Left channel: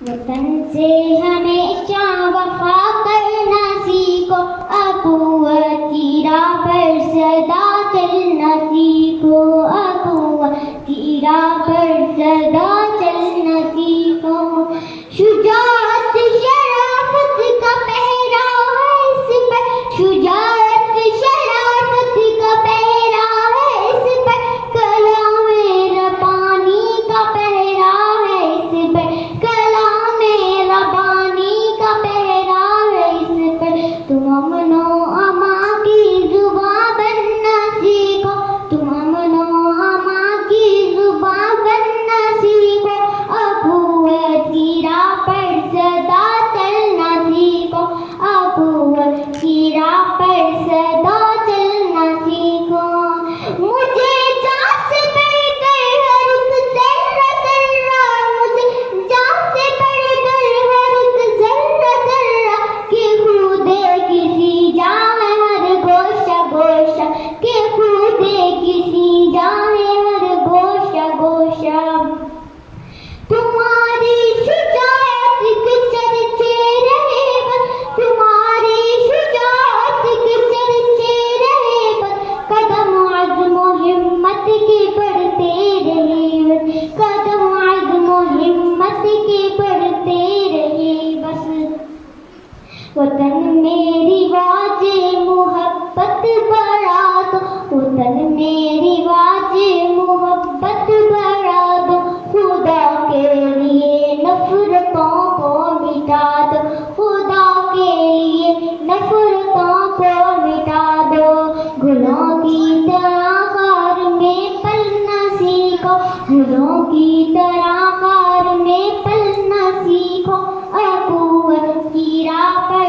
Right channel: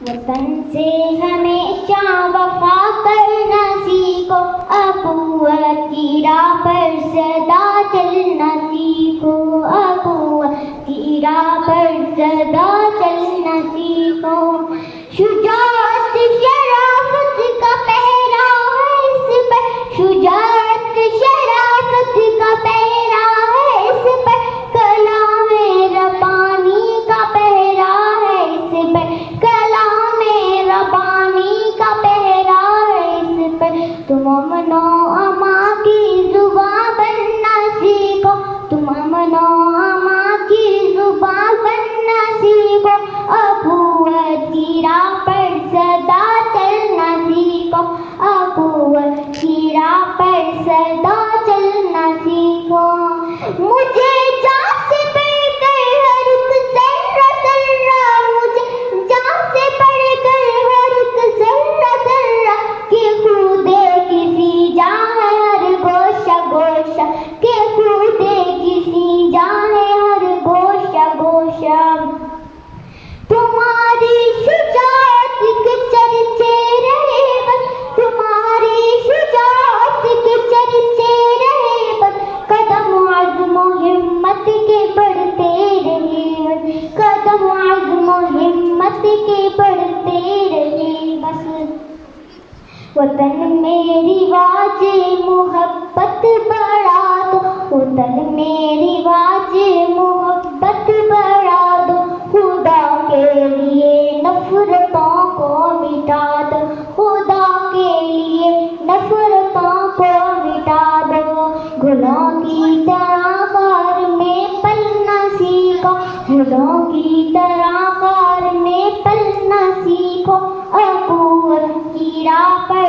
वतन से हमेशा वफा करना सीखो, अबूवत की राह पर सदा चलना सीखो, अबूवत की राह पर सदा चलना सीखो। शुजाअत शराफत का पहरा है इस पर, शुजाअत शराफत का पहरा है इस पर, कलाम रब्बानी का पहरा है इस पर, कलाम रब्बानी का पहरा है इस पर। तुम अमनो अमा की जुबान बनना सीखो, तुम अमनो अमा की जुबान बनना सीखो, अबूवत की राह पर सदा चलना सीखो, अबूवत की राह पर सदा चलना सीखो। मुझे जान से बढ़कर हर एक ज़र्रा ज़र्रा, मुझे जान से बढ़कर हर एक ज़र्रा ज़र्रा, कि खुदे किसी जाए हर गोशा गोशा, कि खुदे किसी जाए हर गोशा गोशा। तुम्हारी शुजाअत के चर्चे रहे बस, तुम्हारी शुजाअत के चर्चे रहे बस, कदम अज़्म हिम्मत के बढ़ते रहे बस, कदम अज़्म हिम्मत के बढ़ते रहे बस। वतन में रिवाज मोहब्बत बढ़ा दो, वतन में रिवाज मोहब्बत बढ़ा दो, खुदा के लिए नफरतों को मिटा दो, खुदा के लिए नफरतों को मिटा दो। गुलों की तरह गार में पलना सीखो, गुलों की तरह गार में पलना सीखो, अबूवत की राह पर